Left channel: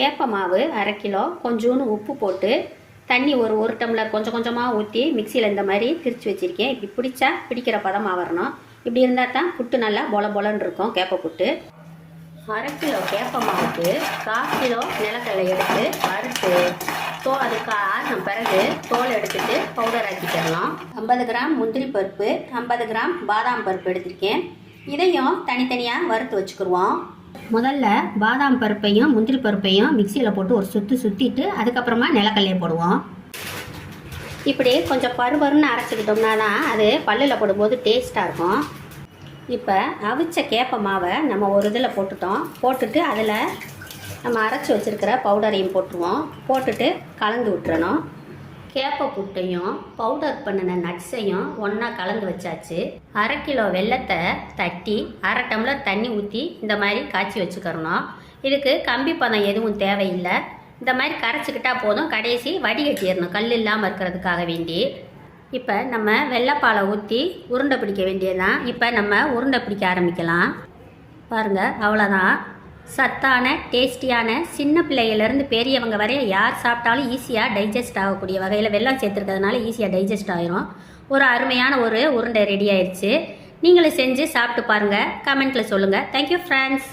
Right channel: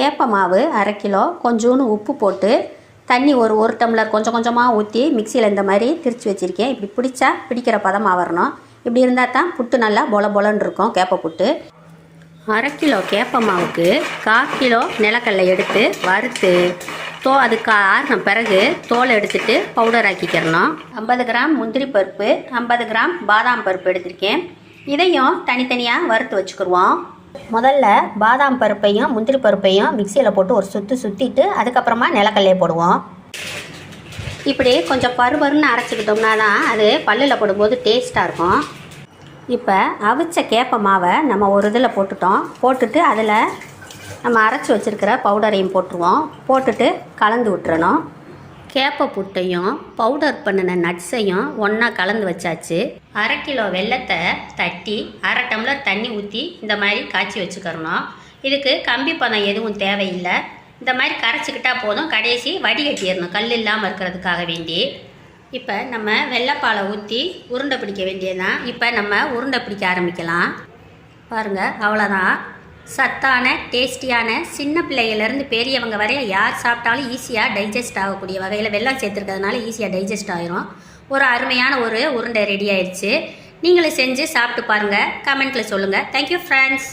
வேப்ப மாவு 1/2 கிலோ, கொஞ்சோண்டு உப்பு போட்டு தண்ணி ஒரு டம்ளர் கொஞ்சம் கொஞ்சமாக ஊற்றி மிக்சியில் இந்த மாதிரி திரித்து வச்சுருக்கேன். இப்படி பிடிச்சா பிடிக்கிற பதமாக வரணும். இப்படி இருந்தால் தான் புட்டு நல்லா பொலன்னு இருக்கும். கேப்பை புட்டு 1/2 கிலோ கேப்ப மாவுக்கு 1/4 கிலோ நிலக்கடலை எடுத்து வறுத்து அதுக்கு ஆறின பிறகு தோலை எடுத்துட்டு பவுடர் ஆக்கிக்கிறணும். 50 கிராம் முந்திரி பருப்பு, 50 கிராம் பாதாம் பருப்பு எடுத்திருக்கேன். இதையும் தனித்தனியாக வறுத்து வச்சுக்கிடுவோம். முதல்ல பாதாம் பருப்பையும் முந்திரி பருப்பையும் மிக்சியில் போட்டு ஒரு சுற்றிட்டு அதுக்கப்புறமா நிலக்கடலையை போடுவோம். இப்படி கொஞ்சம் பருன்னு அரைச்சிக்கிட்டோம்னா தான் அது பல்லில் போடும்போது டேஸ்ட்டாக இருக்கும். இப்போ அவிச்ச கேப்ப மாவை நம்ம ஒரு இதில் போட்டுட்டு அதில் நம்ம அரைச்சி வச்சுருக்கிற பவுடரையும் போட்டுருவோம். போட்டுட்டு கலந்து விட்டுறணும். கேப்பை புட்டையும் பவுடர் பண்ணின நட்ஸையும் ஒன்றா கலந்து வச்சாச்சு. 1/2 கிலோ வெல்லத்தை தட்டி 1/2 டம்ளர் தண்ணி ஊற்றி இந்த மாதிரி காய்ச்சி வச்சுக்கிறணும். இதுக்கு கம்பி பதம் எதுவும் தேவையில்லை. இந்த மாதிரி கரைச்சிக்கிட்டா போதும். கடைசி வடிகட்டிடணும், கல் இல்லாமல் இருக்கிறதுக்காக வேண்டி. இப்போ நம்ம வெள்ளைப்பாலை ஊற்றி உருண்டை பிடிக்க வேண்டியதுதான். இப்போ நம்ம உருண்டை பிடிக்க ஆரம்பிக்கலாம். பாருங்கள், அவ்வளோதான். சத்தான டேஸ்டியான சின்ன பிள்ளையிலேருந்து பெரியவங்க வரைய யார் சாப்பிட்டாலும் ஈஸியாக டைஜஸ்ட் ஆகக்கூடிய வகையில் வெல்லம் சேர்த்துருக்கிறதுனால ஈஸியாக டைஜஸ்ட் ஆகிரும். ஒரு அருமையான ஒரு உருண்டை ரெடி ஆயிடுச்சு. நீங்களும் செஞ்சு சாப்பிட்டு பாருங்கள். கமெண்ட்டில் சொல்லுங்கள். Thank you friends.